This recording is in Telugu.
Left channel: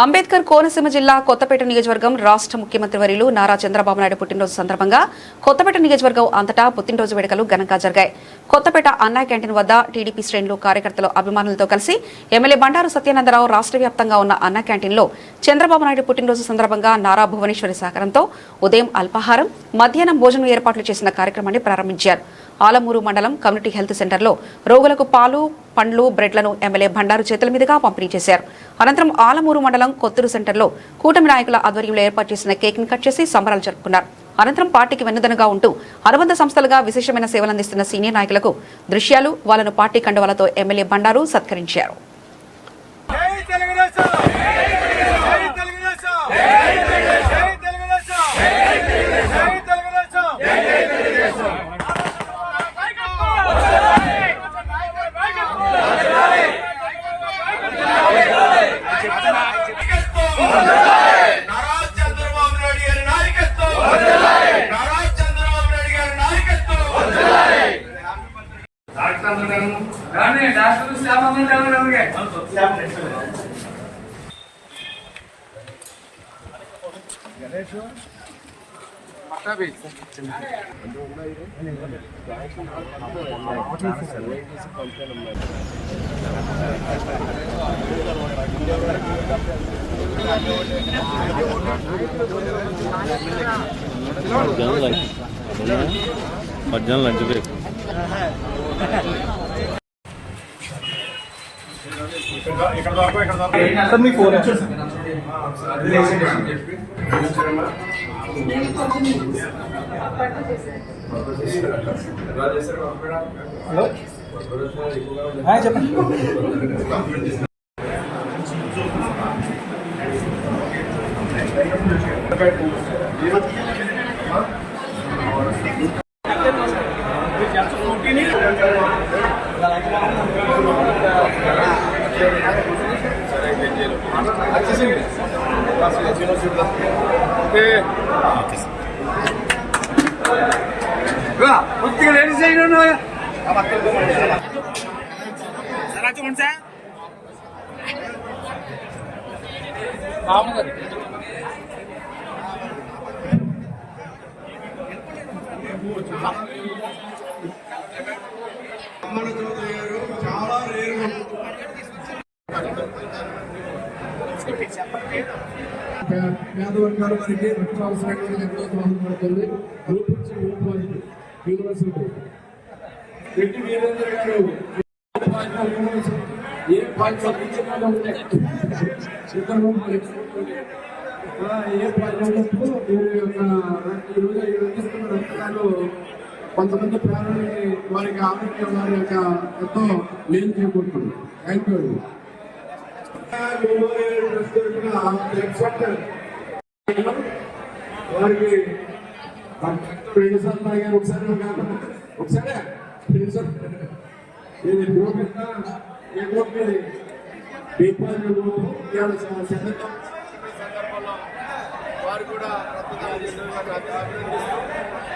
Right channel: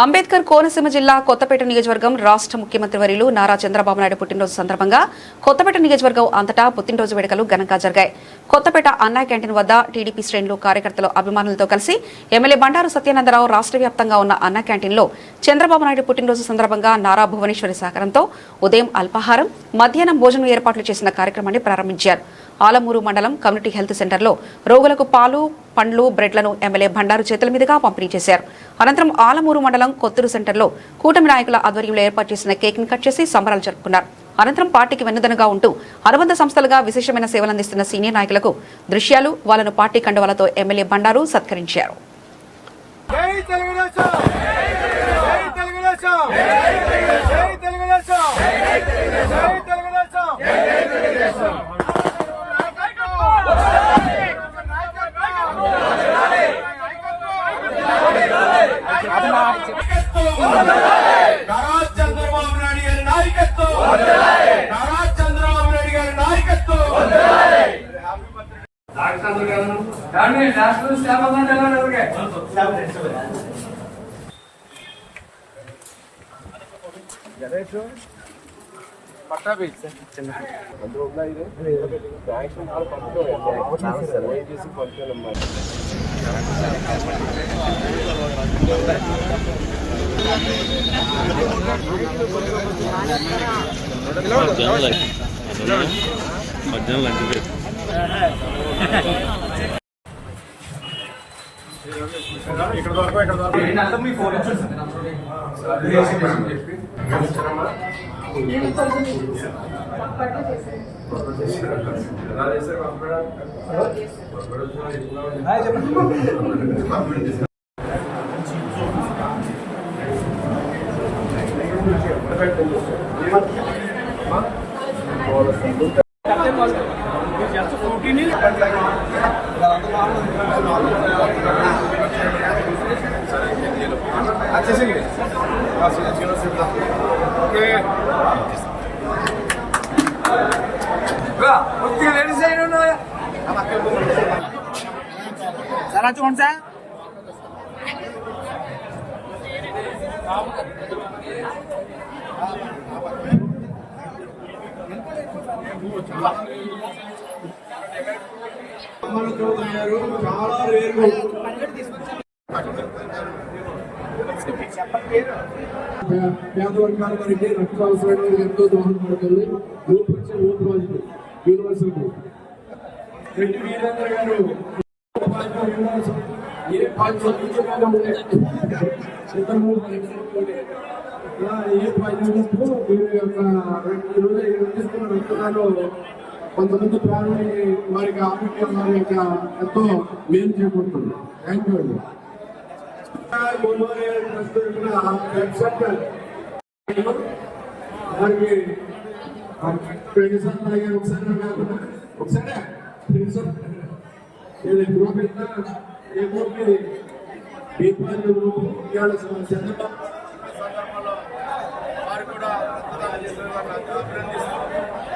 అంబేద్కర్ కోనసీమ జిల్లా కొత్తపేట నియోజకవర్గం రాష్ట్ర ముఖ్యమంత్రి వర్యులు నారా చంద్రబాబు నాయుడు పుట్టినరోజు సందర్భంగా కొత్తపేట నియోజకవర్గం అంతటా పుట్టినరోజు వేడుకలు ఘనంగా జరిగాయి. కొత్తపేట అన్నా క్యాంటీన్ వద్ద టీడీపీ శ్రేణులు, కార్యకర్తలు, అభిమానులతో కలిసి ఎమ్మెల్యే బండారు సత్యానందరావు రాష్ట్ర వ్యాప్తంగా ఉన్న అన్నా క్యాంటీన్లో చంద్రబాబు నాయుడు పుట్టినరోజు సందర్భంగా నారా భువనేశ్వరి సహకారంతో ఉదయం అల్పాహారం, మధ్యాహ్నం భోజనం ఏర్పాట్లు చేసిన కార్యక్రమాన్ని ప్రారంభించారు. ఆలమూరు మండలం కమ్యూనిటీ హెల్త్ సెంటర్లో రోగులకు పాలు, పండ్లు, బ్రెడ్లను ఎమ్మెల్యే బండారు చేతుల మీదుగా పంపిణీ చేశారు. అనంతరం ఆలమూరు మండలం కొత్తూరు సెంటర్లో కూటమి నాయకుల ఆధ్వర్యంలో ఏర్పాటు చేసిన కేక్ ను కట్ చేసి సంబరాలు జరుపుకున్నారు. అనంతరం పార్టీకి వెన్నుదన్నుగా ఉంటూ అనుబంధ సంస్థలుగా విశేషమైన సేవలందిస్తున్న సీనియర్ నాయకులకు దృశ్యాలు, వాళ్లను పార్టీ కండువాలతో ఎమ్మెల్యే బండారు సత్కరించారు. పేదవర్గాల వారికి రక్షావసరాలు ఎంతో దోహదపడుతుంది. యూనివర్సిటీ రెడ్డి వీరేంద్ర గారు ఏ పాయింట్ మీరు యొక్క ఈరోజు అందిస్తున్న రక్తదాలు కొంతమంది ప్రాణాలని వారికి ఆరోగ్యం వారి యొక్క ఎంతో మేలు చేకూరుతుంది. థ్యాంక్ యూ అండి. వారికి వారు కూడా